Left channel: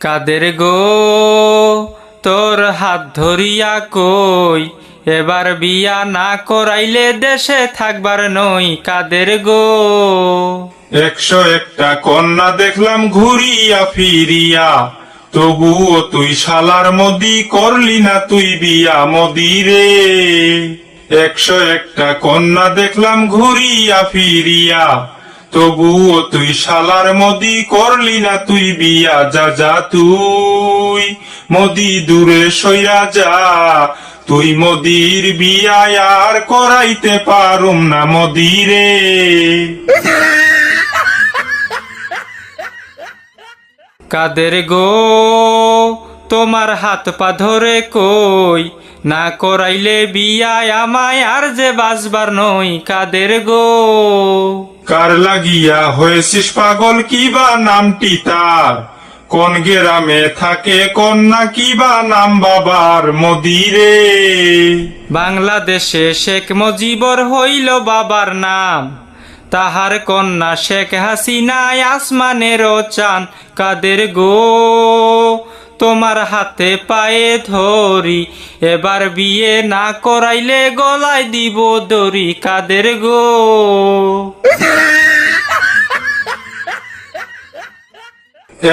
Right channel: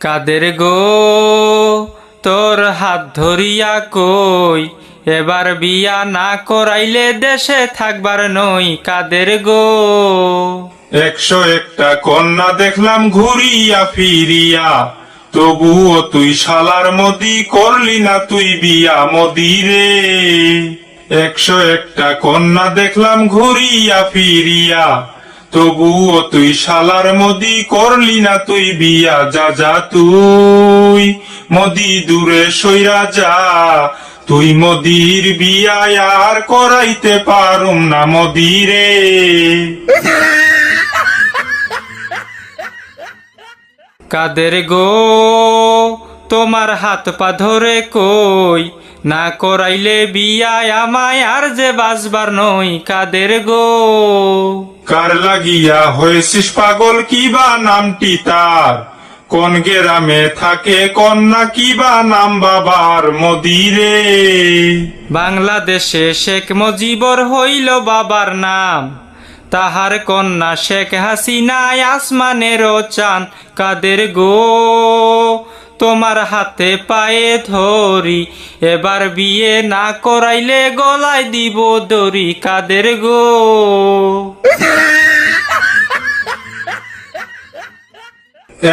কাদের গো তোর হাত ধরিয়া কই, এবার বিয়া না করাইলে দেশে থাকবার নই। কাদের গো 101টা কন্যা দেখলাম ঘুরিয়া ফিরিয়া, তবুও তুই শালার মোদি করলি না তুই বিয়া মোদি রে। 101টা কন্যা দেখলাম ঘুরিয়া ফিরিয়া, তবুও তুই শালার মোদি করলি না তুই বিয়া। যা যা তুই মোদি দূরে সইরা যা, তুই মোদির বিয়া আর করাইতে পারুম না মোদি রে। কাদের গো তোমার হাত পা ধরে কই, না করাইলে বিয়া আমায় আর যে বাঁচবার নই। কাদের গো কার লাগিয়া হয়েছিস পাগল, কিবা নামটি তার, কোন গ্রামে থাকে কন্যা, কিবা নাম বাবার মোদি রে। বাংলাদেশে শেখ মুজিবর হইল বাবার নাম, তাহার কন্যা শেখ হাসিনা আসমানেরও চান। কাদের গো তোমার হাতে পায়ে ধরি, এবার বিয়ে না করাইলে গলায় দিব দড়ি। কাদের গো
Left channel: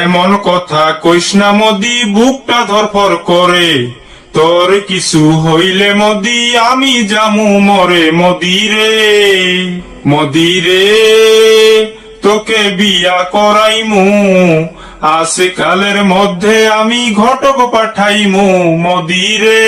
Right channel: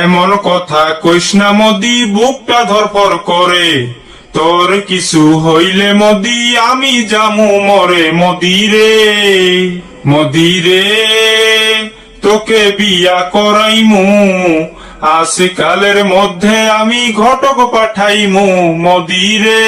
এমন কথা কইস না মোদি, বুকটা ধরফর করে, তোর কিছু হইলে মোদি আমি জামু মরে মোদি রে। মোদি রে তোকে বিয়া করাইমু, আজ কালের মধ্যে আমি ঘটক পাঠাইমু মোদি রে।